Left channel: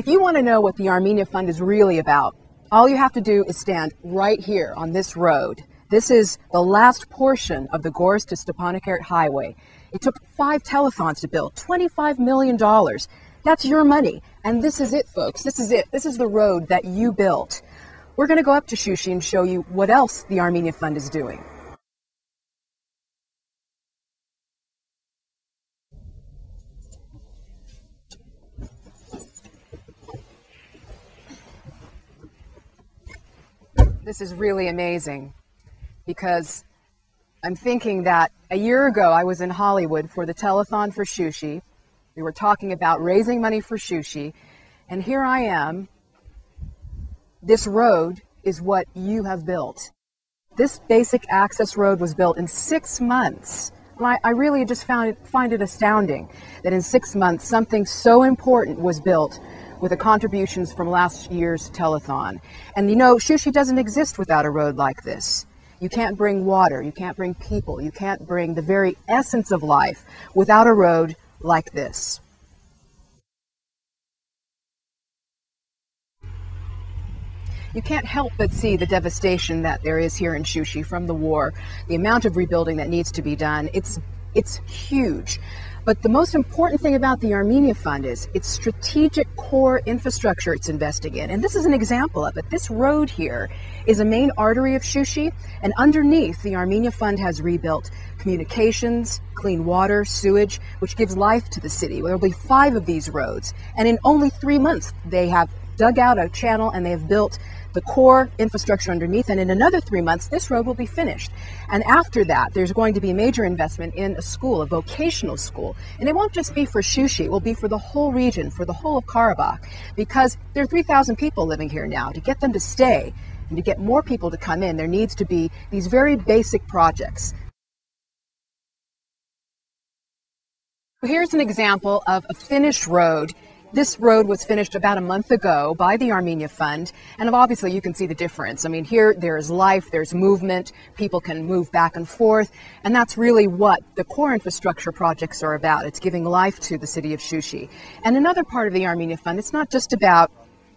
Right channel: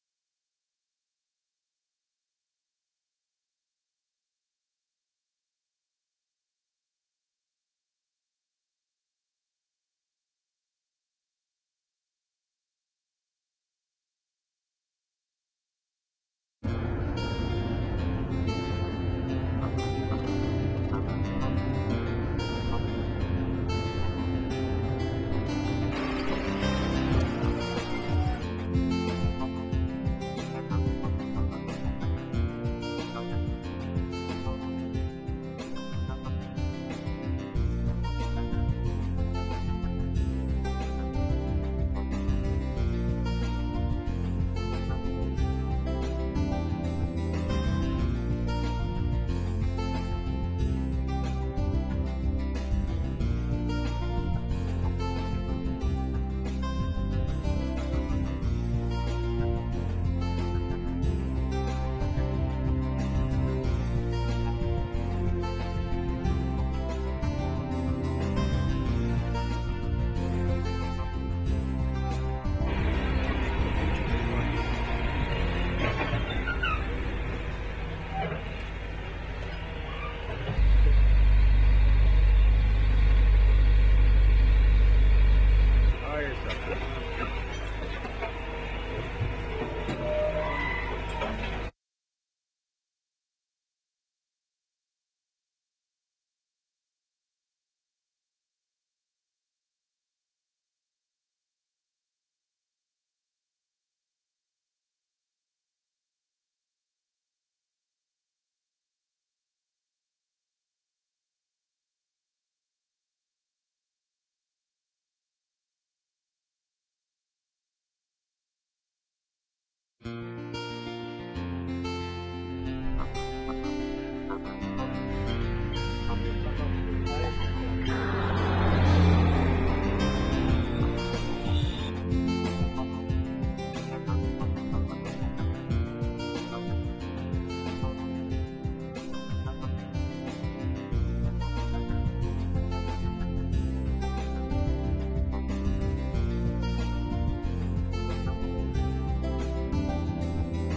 If you want to know what the Armenia Fund is really about, all you have to do is stand right here on this road. This is the last portion of the Gorsk to Stepanakert highway. It took 5 telethons to build, $25 million. That's your money. And this is it, folks. This is it. This is the road that you built. We're going to go up to Shushi and show you what else the Armenia Fund is doing. This is really amazing because I'm thinking that a year ago I was in Hollywood for the Telethon for Shushi. We were talking about raising money for Shushi, and here I am. This road is what you have built. This basic access road was built in 6 months. I really just find it astounding that in 6 months something so important was built with the contributions from last year's telethon. And you know, Shushi doesn't exist without a road like this. You can't bring water, you can't bring people, you can't bring the very essence of life without a road like this. You can't help but see the devastation that there is here in Shushi from the war, the amount of rebuilding that needs to be done. It's huge. But the most important thing about the Armenia Fund is its strategic core infrastructure it's investing in. And this is an example of it. This road here is a main artery of Shushi, and underneath the Armenia Fund has rebuilt communications, clean water, sewage, which gives life to the city. There will be 5 of these roads. And in only 3 months, they have dug out a channel and they have built the core infrastructure underneath, and in another 3 months this road will be finished. And after that there's going to be a major investment in a school, a vocational school, and it won't just be for Shushi, it will be for the whole region, for the whole of Karabakh, because there are 3,000 people living here now. To get them to stay and to get more people to come in, there needs to be these very basic projects. Here's an example of a finished road. This road was finished about a month ago by the Armenia Fund, and obviously you can see the difference. I mean, here there is life, there's movement, people can move back and forth, and that's really what the core infrastructure projects are about. It's giving life to the city of Shushi. And another part of the Armenia Fund, it's not just about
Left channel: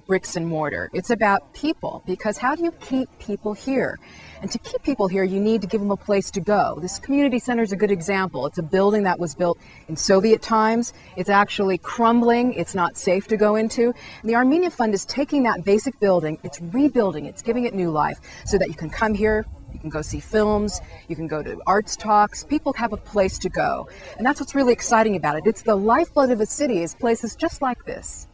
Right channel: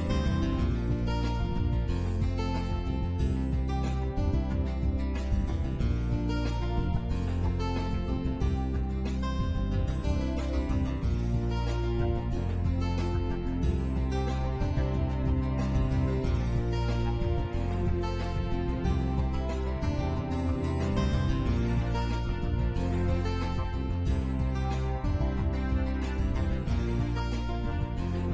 bricks and mortar, it's about people, because how do you keep people here? And to keep people here, you need to give them a place to go. This community center is a good example. It's a building that was built in Soviet times. It's actually crumbling. It's not safe to go into. And the Armenia Fund is taking that basic building, it's rebuilding it, it's giving it new life so that you can come here, you can go see films, you can go to arts talks. People have a place to go. And that's what's really exciting about it. It's the lifeblood of a city, is places just like this.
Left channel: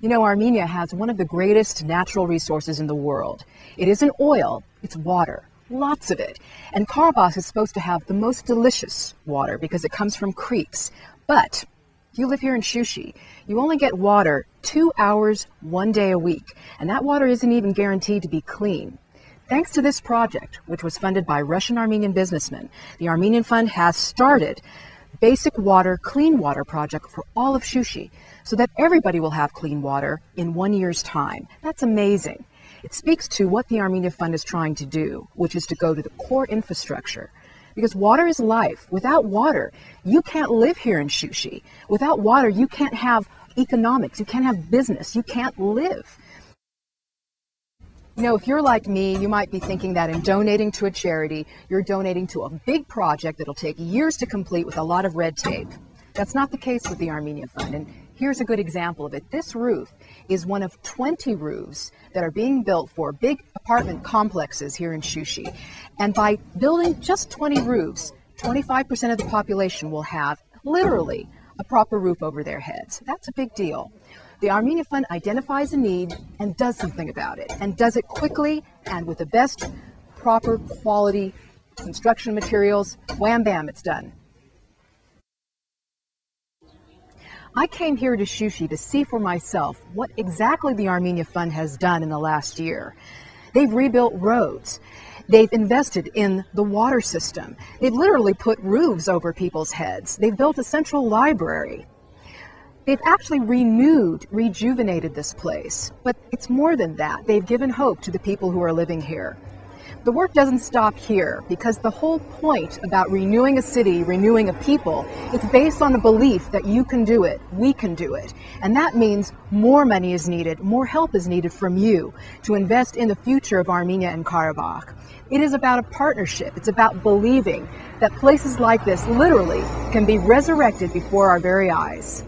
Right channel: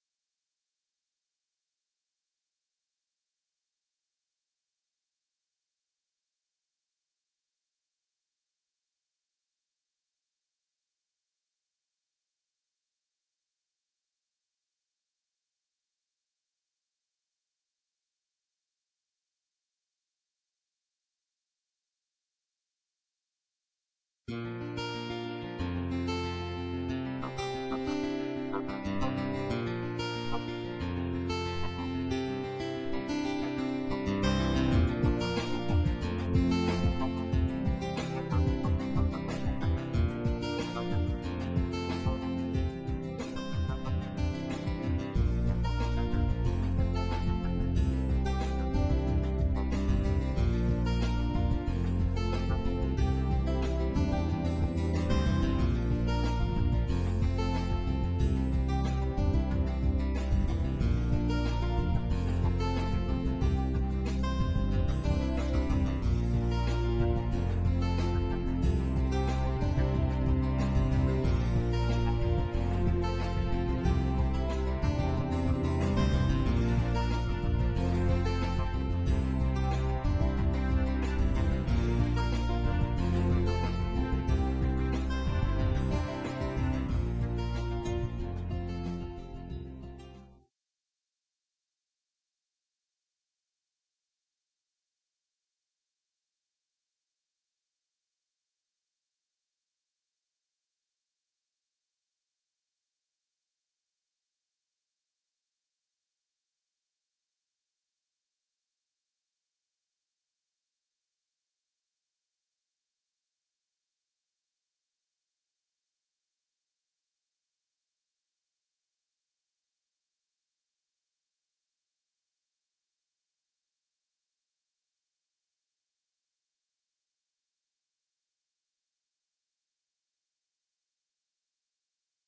You know, Armenia has one of the greatest natural resources in the world. It isn't oil, it's water, lots of it. And Karabakh is supposed to have the most delicious water because it comes from creeks. But if you live here in Shushi, you only get water 2 hours, 1 day a week. And that water isn't even guaranteed to be clean. Thanks to this project, which was funded by Russian-Armenian businessmen, the Armenian Fund has started basic water, clean water project for all of Shushi, so that everybody will have clean water in 1 year's time. That's amazing. It speaks to what the Armenia Fund is trying to do, which is to go to the core infrastructure. Because water is life. Without water, you can't live here in Shushi. Without water, you can't have economics, you can't have business, you can't live. You know, if you're like me, you might be thinking that in donating to a charity, you're donating to a big project that'll take years to complete with a lot of red tape. That's not the case with the Armenia Fund. And here's a good example of it. This roof is one of 20 roofs that are being built for big apartment complexes here in Shushi. And by building just 20 roofs, 25% of the population will have literally a proper roof over their heads. That's a big deal. The Armenia Fund identifies a need and does something about it, and does it quickly and with the best proper quality construction materials. Wham bam, it's done. I came here to Shushi to see for myself what exactly the Armenia Fund has done in the last year. They've rebuilt roads. They've invested in the water system. They've literally put roofs over people's heads. They've built a central library. They've actually rejuvenated this place. But it's more than that. They've given hope to the people who are living here. the work doesn't stop here, because the whole point about renewing a city, renewing a people, it's based on a belief that you can do it, we can do it. And that means more money is needed, more help is needed from you to invest in the future of Armenia and Karabakh. It is about a partnership. It's about believing that places like this literally can be resurrected before our very eyes.